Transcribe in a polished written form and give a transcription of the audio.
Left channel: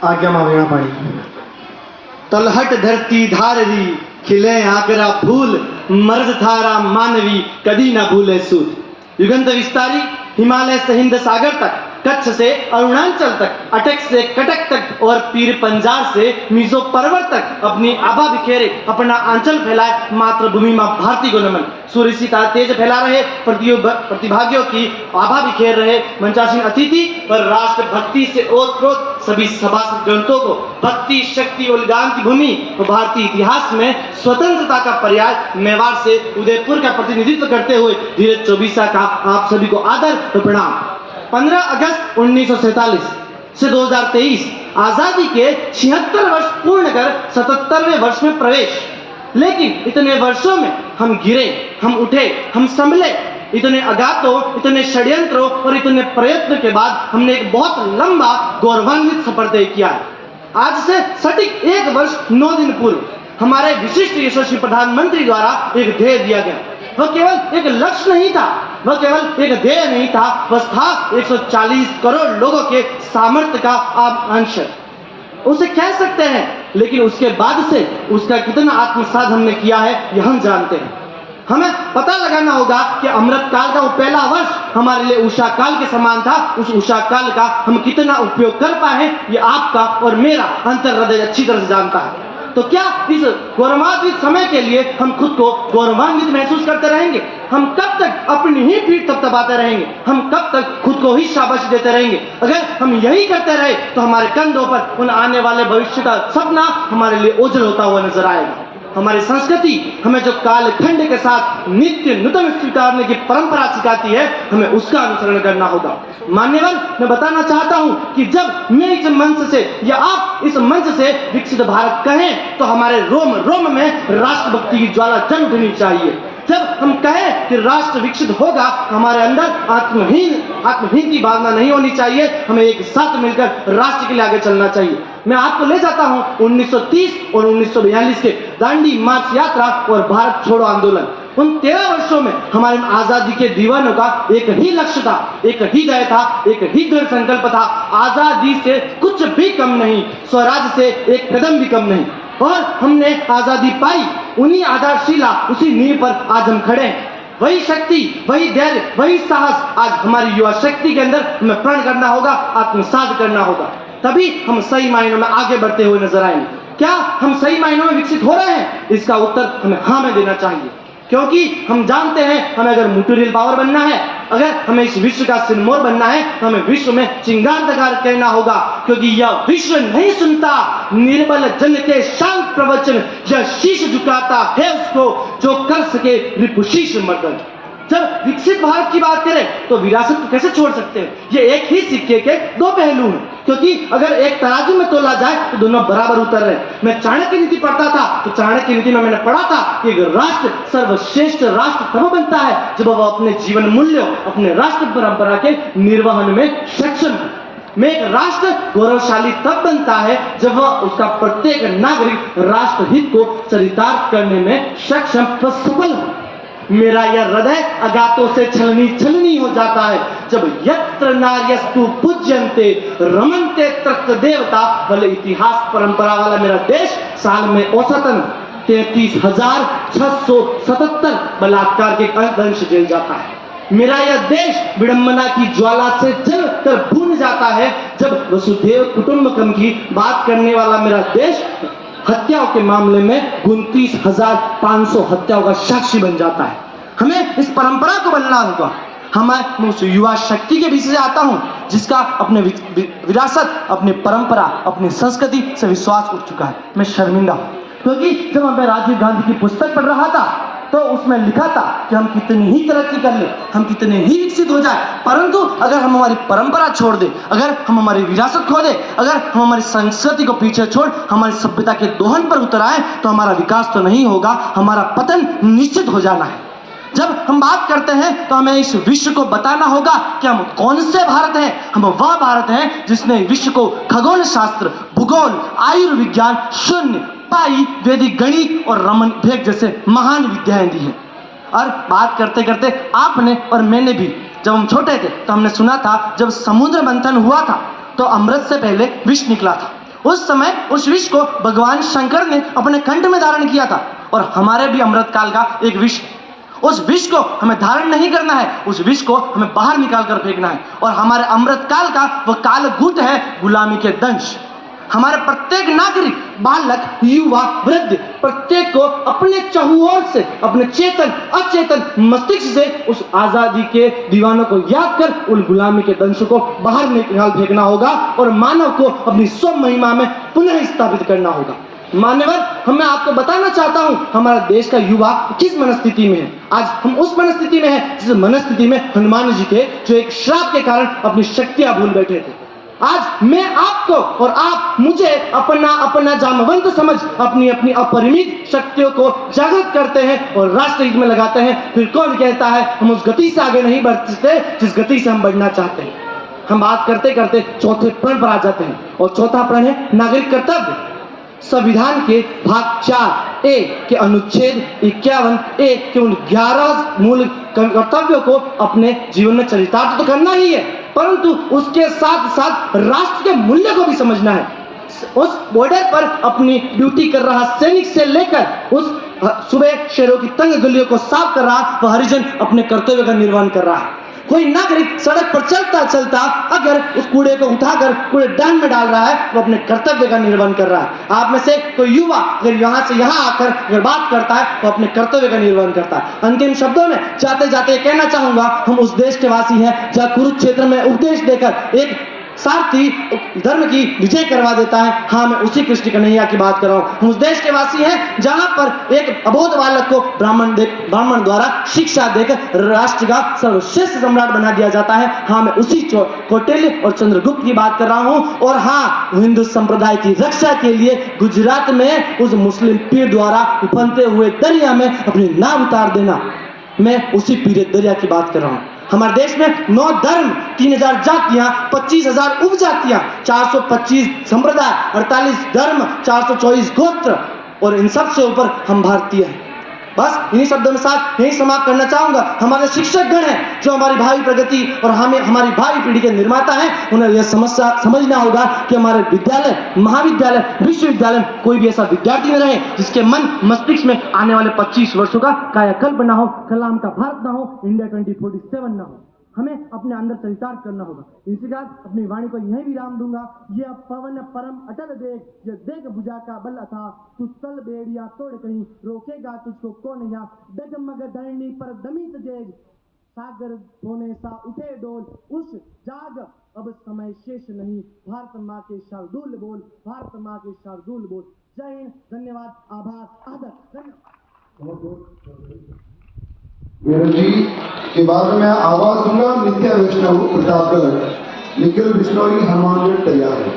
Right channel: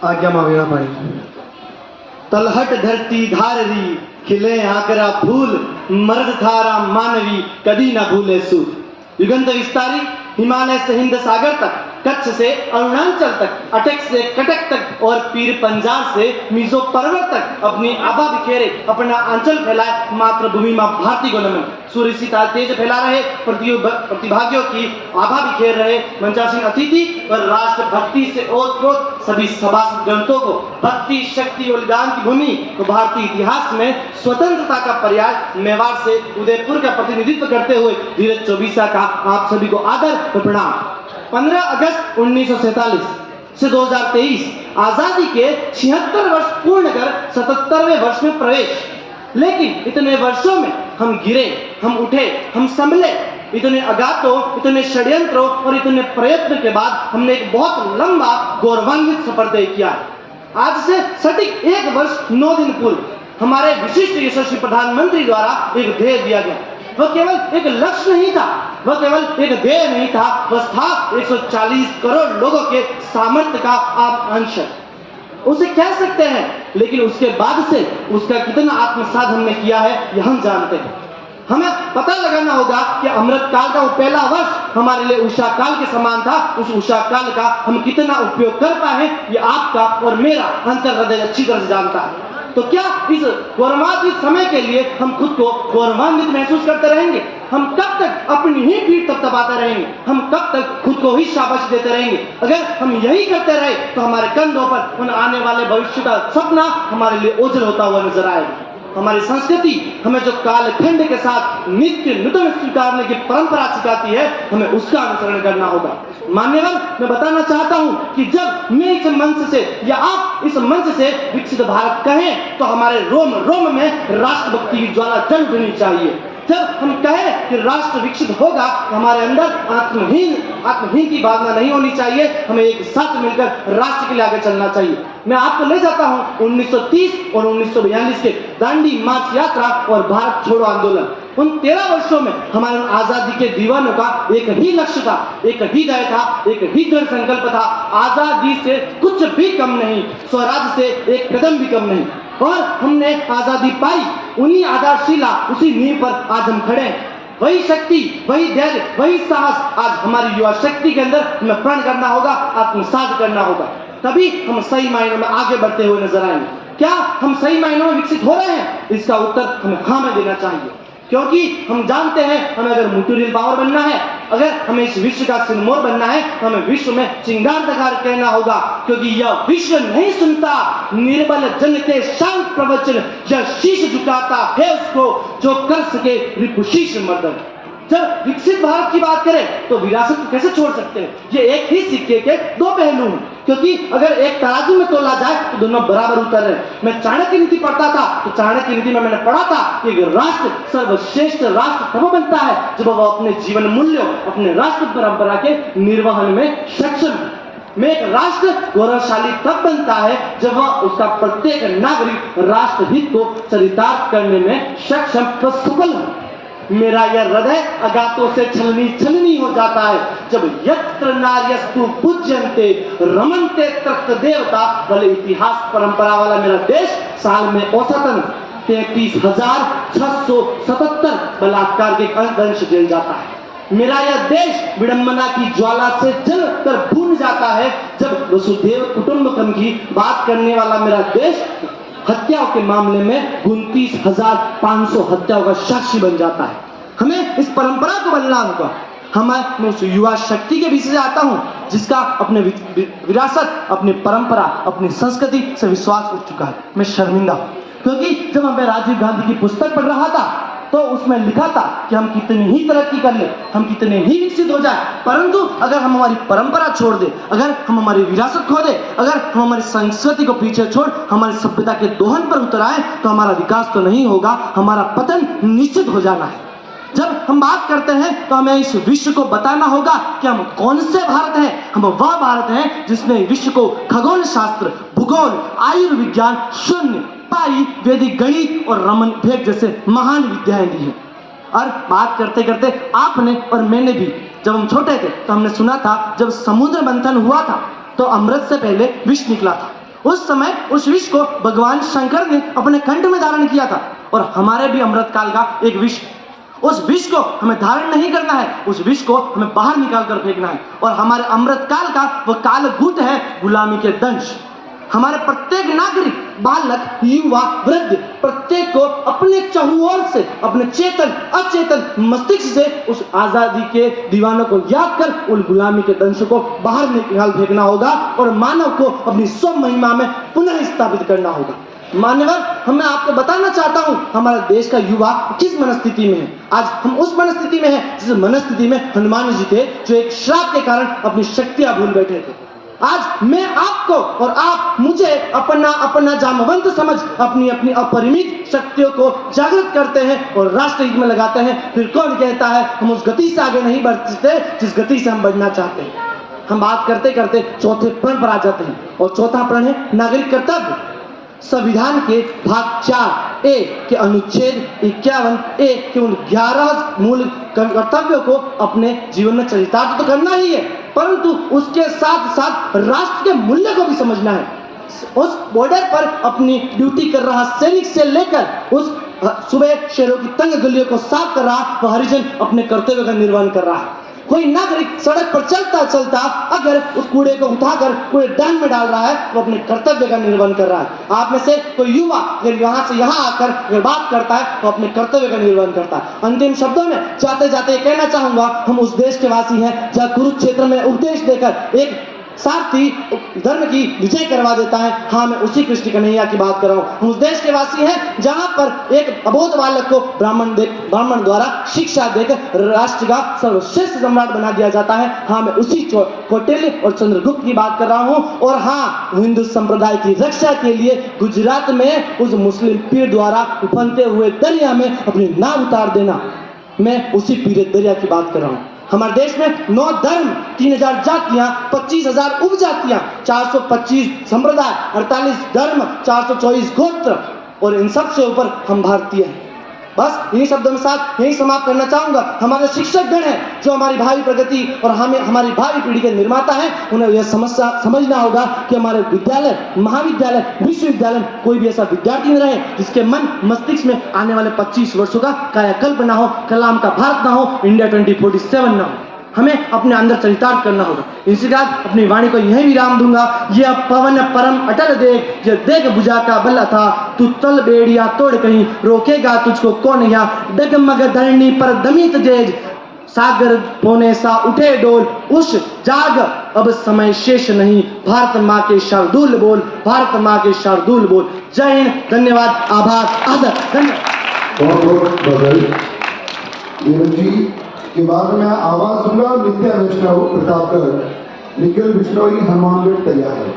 आज्ञा मांगना पड़ी। तलहट धरती धाररी खिले आगरा फूल, मर्द धारा मानवी कदी न भूले सूद। युगंत विस्तारी हिमालय से हिंद सागर तक, कच्छ से अरुणाचल तक, अटक से कटक तक और पीर पंजाब से मिजो पर्वत तक अपनी आभा बिखेरे अपना आंचल फैलाए मातृभूमि मां भारती को नमन। सूर्य सी तेज फैला रहे प्रतिभागियों की आभा बिखेर रहे मंचासीन अतिथि और राष्ट्र भक्ति से ओतप्रोत सभी सभासद ग्रंथों को भक्ति शक्ति और ज्ञान की भूमि और भारतीय इतिहास में स्वतंत्रता का पर्याय मेवाड़ से उदयपुर का प्रतिनिधित्व करते हुए धीरज चौबीसा का आप सभी को आदर और प्रणाम। 15 अगस्त 1947 से 2023 आजादी के 76 वर्ष पूर्ण कर 77वें वर्ष में प्रवेश। लेकिन इतने वर्षों में हम गिरे, हम उठे, हम संभले। इतने अगातों, इतने षड्यंत्रों और इतने प्रयत्न के बाद हमने एक बहुत लंबा गौरवान्वित सफर तय किया। आज से सटीक 1 वर्ष 9 दिन पूर्व हमारे विशिष्ट यशस्वी प्रधानमंत्री द्वारा एक ध्येय दिया गया। वह केवल एक लक्ष्य नहीं था, वह केवल एक ध्येय नहीं था, वह था 140 करोड़ लोगों के सामर्थ्य का आप अंश उसे कह सकते हैं। लेकिन उसके बाद से उसका कितना आत्मसात हमने किया है यह हम जानते हैं। हमें पता लगाना होगा कि अमृत काल का वो पहला वर्ष हमारे लिए उषा काल के समान था। उस उषा काल का हम कितना उपयोग कर पाए हैं ये आपका और मेरा अंतर हृदय अच्छी तरह से जानता है। तो क्या इस गौरवान्वित समय के लिए हम खुद को गौरवान्वित महसूस करते रहेंगे? हम कब तक अपनी ही पीठ थपथपाते रहेंगे? हम कब तक खुद को ही शाबाशी देते रहेंगे? अगर हम यही करते रहे तो हमारे कंधों पर उन आने वाले भविष्य का सपना हमारे लिए ओझल होता हुआ नजर आएगा। हमारी संस्कृति हमें जो कालखंड के साथ नित्य नूतन स्वीकारने की परंपरा सिखाती है, हमें उसका अनुसरण करना होगा। मान्यवर, मैं बताना चाहता हूं कि जब मैं इस मंच से या आप इस मंच से विकसित भारत कहें तो हमारे रोम रोम में राष्ट्रभक्ति की ज्वाला जल उठनी चाहिए। जब हम कहें कि राष्ट्र विकसित होगा, हमारे अंदर आत्महीन की भावना नहीं होनी चाहिए। हमें एक साथ मिलकर राष्ट्र के लिए आगे चलना चाहिए। मैं आपको ले जाता हूं 1930 और 1942 के दांडी मार्च यात्रा और भारत छोड़ो आंदोलन। उन 13 वर्षों में हमारे आजादी के दीवानों का एक ही लक्ष्य था, एक ही ध्येय था, एक ही दृढ़ संकल्प था। आजादी से कुछ भी कम नहीं, स्वराज से एक कदम भी कम नहीं। और हमने आजादी पाई, उन्हीं आधारशिला, उसी नींव पर आज हम खड़े हैं। वही शक्ति, वही धैर्य, वही साहस आज हमारी युवा शक्ति के अंदर हमें प्रण करना होगा, आत्मसात करना होगा। तभी हम सही मायनों में आगे बढ़ते हुए नजर आएंगे। क्या हम सही मायनों में विकसित हो रहे हैं? इसका उत्तर हमें हाँ में देना चाहिए, क्योंकि हम जानते हैं हमें अगर मटेरियल पावर बनना है, अगर हमें इस विश्व का सिरमौर बनना है तो हमें विश्व में चिंगार दगार कहना होगा। क्योंकि यह विश्व नहीं सुनता निर्बल जन के शांत प्रवचन, यह शीश झुकाता है उसको जो कर सके रिपुशीष मर्दन। जब विकसित भारत की बात करें तो विरासत को कैसे छोड़ सकते हैं? ये एक ही सिक्के के दो पहलू हैं, क्योंकि अगर एक तराजू में तोला जाए तो दोनों बराबर उतर रहे हैं। मैं चाणक्य नीति पढ़ता था तो चाणक्य नीति में मैंने पढ़ा था कि एक राष्ट्र सर्वश्रेष्ठ राष्ट्र तब बनता है जब वह अपने जीवन मूल्यों, अपने राष्ट्र परंपरा के निर्वहन में सक्षम है। में एक राष्ट्र गौरवशाली तब बनता है जब वह उसका प्रत्येक नागरिक राष्ट्र हित को चरितार्थ करने में सक्षम व सफल हो। मेरा यह हृदय अगातों से छलनी हो जाता है जब यत्र नार्यस्तु पूज्यन्ते रमन्ते तत्र देवता। भले इतिहास परंपरा वाला मेरा देश साल में औसतन 33,677 बलात्कार के दंश झेल जाता है। मेरा यह देश विडंबना की ज्वाला से जलकर भून जाता है जब वसुधैव कुटुंबकम की बात करने वाला मेरा देश हत्याओं के मामले में 29,500 हत्याओं का साक्षी बन जाता है। हमें इस परंपरा को बनना होगा। मैं उस युवा शक्ति के विषय से आता हूं जिसका अपने विरासत, अपनी परंपरा, अपनी संस्कृति से विश्वास उठ चुका है। मैं शर्मिंदा हूं क्योंकि जब मैं राजीव गांधी की पुस्तक पढ़ रहा था तो उसमें लिखा था कि हम कितनी ही तरक्की कर ले, हम कितने ही विकसित हो जाए, परंतु अगर हम हमारी परंपरा छोड़ दे, अगर हम हमारी विरासत खो दे, अगर हम हमारी संस्कृति को पीछे छोड़ हमारी सभ्यता के दोहन पर उतर आए तो हमारा विकास तो नहीं होगा, हमारा पतन निश्चित हो जाना है। जब हम बात करते हैं तो हमें इस विश्व को बताना होगा कि हम कौन से भारत हैं। हम वह भारत हैं जिसने विश्व को खगोल शास्त्र, भूगोल, आयुर्विज्ञान, शून्य, पाई, वैदिक गणित और रमन भेद जैसे महान विद्याएं दी हैं। और बात करते करते आपने और मैंने भी, जब हम छोटे थे तो हमने सुना था जब समुद्र मंथन हुआ था तो अमृत से पहले विष निकला था। उस समय उस विष को भगवान शंकर ने अपने कंठ में धारण किया था, और हमारे भी अमृत काल का एक विष, उस विष को हमें धारण नहीं करना है, उस विष को हमें बाहर निकाल कर फेंकना है। और हमारे अमृत काल का वो कालगुट है गुलामी के दंश। हमारे प्रत्येक नागरिक, बालक, युवा, वृद्ध, प्रत्येक को अपने चहुओर से, अपने चेतन अचेतन मस्तिष्क से उस आजादी के दीवानों को याद कर उन गुलामी के दंश को बाहर निकाल फेंकना होगा और मानव को अपनी स्व महिमा में पुनः स्थापित करना होगा। मान्यवर, मैं आपको बताना चाहता हूं हमारा देश का युवा किस मनस्थिति में है। आज हम उस मनस्थिति में है जिस मनस्थिति में हनुमान जी थे, जो एक श्राप के कारण अपनी शक्तियां भूल बैठे थे। आज मैं आपको और आप मुझे अपना जामवंत समझ अपनी अपनी अपरिमित शक्तियों को जागृत करते हैं और राष्ट्र हित में लगाते हैं। फिर कौन कहता है हम उस गति से आगे नहीं बढ़ सकते जिस गति से हम बढ़ना चाहते हैं। हम बात करते करते चौथे प्रण पर आ जाते हैं, और चौथा प्रण है नागरिक कर्तव्य। संविधान के भाग 4A के अनुच्छेद 51A के उन 11 मूल कर्तव्यों को अपने जीवन में चरितार्थ तो करना ही है, परंतु उसके साथ साथ राष्ट्र के मूल्य को भी समझना है। उस बॉर्डर पर अपनी ड्यूटी कर रहा सैनिक से लेकर उस सुबह शहरों की तंग गलियों को साफ कर रहा वह हरिजन अपने कर्तव्य का निर्वहन कर रहा है। कोई नागरिक सड़क पर चलता चलता अगर उस कूड़े को उठाकर कूड़ेदान में डाल रहा है, वो अपने कर्तव्य का निर्वहन कर रहा है। आप में से कोई युवा अगर यहाँ से यहाँ आकर अगर बात करता है, वो अपने कर्तव्य का निर्वहन करता है। अंतिम शब्दों में जाते जाते कहना चाहूंगा, हम उस देश के वासी हैं जहाँ कुरुक्षेत्र में उपदेश देकर एक सारथी धर्म की विजय करवा देता है। हाँ, मैं उसी कृष्ण कन्हैया की बात कर रहा हूँ। हम उस देश के वासी हैं जहाँ पर एक अबोध बालक को ब्राह्मण द्वारा शिक्षा देकर राष्ट्र का सर्वश्रेष्ठ सम्राट बना दिया जाता है। हाँ, मैं उसी कौटिल्य और चंद्रगुप्त की बात कर रहा हूँ। और हाँ, हिंदू संप्रदाय की रक्षा के लिए गुजरात में उस मुस्लिम पीर द्वारा उफनते हुए दरिया में अपनी नाव उतार देना, मैं उसी पीर दरिया की बात कर रहा हूँ। हमारे देश में 9 धर्म, 3000 जातियां, 25,000 उपजातियां, 425 संप्रदाय, 48 धर्म, 424 गोत्र, और इन सब से ऊपर हम भारतीय हैं। बस इन्हीं शब्दों में साथ यही समाप्त करना चाहूंगा। हमारे शिक्षक गण हैं जो हमारी भावी प्रगति और हमारी भावी पीढ़ी के निर्माता हैं। उन्हें यह समझना होगा कि हमारे विद्यालय, महाविद्यालय, विश्वविद्यालय कोई भी ऐसा विद्यार्थी न रहे जिसके मन मस्तिष्क में आने वाले 25 वर्षों का कायाकल्प ना हो, कलाम का भारत ना हो, इंडिया 2047 ना हो। हमें अपने अंदर चरितार्थ करना होगा। इसी बात अपनी वाणी को यही विराम दूंगा। यह पवन परम अटल देख, यह देख बुझा का बल था, तू तल बेड़िया तोड़ कहीं, रोकेगा तुझको कौन यहाँ, डगमग धरणी पर दमित जेज, सागर पोने सा उठे डोल, उस जाग अब समय शेष नहीं, भारत माँ के शार्दुल बोल, भारत माँ के शार्दुल बोल। जय हिंद, धन्यवाद, आभार, आदर, धन्यवाद। बहुत बहुत बधाई। जी के बाद में आवाज दूंगा नित्या वैष्णव प्रतापगढ़, निखिल बिश्नोई हनुमानगढ़ तैयार है।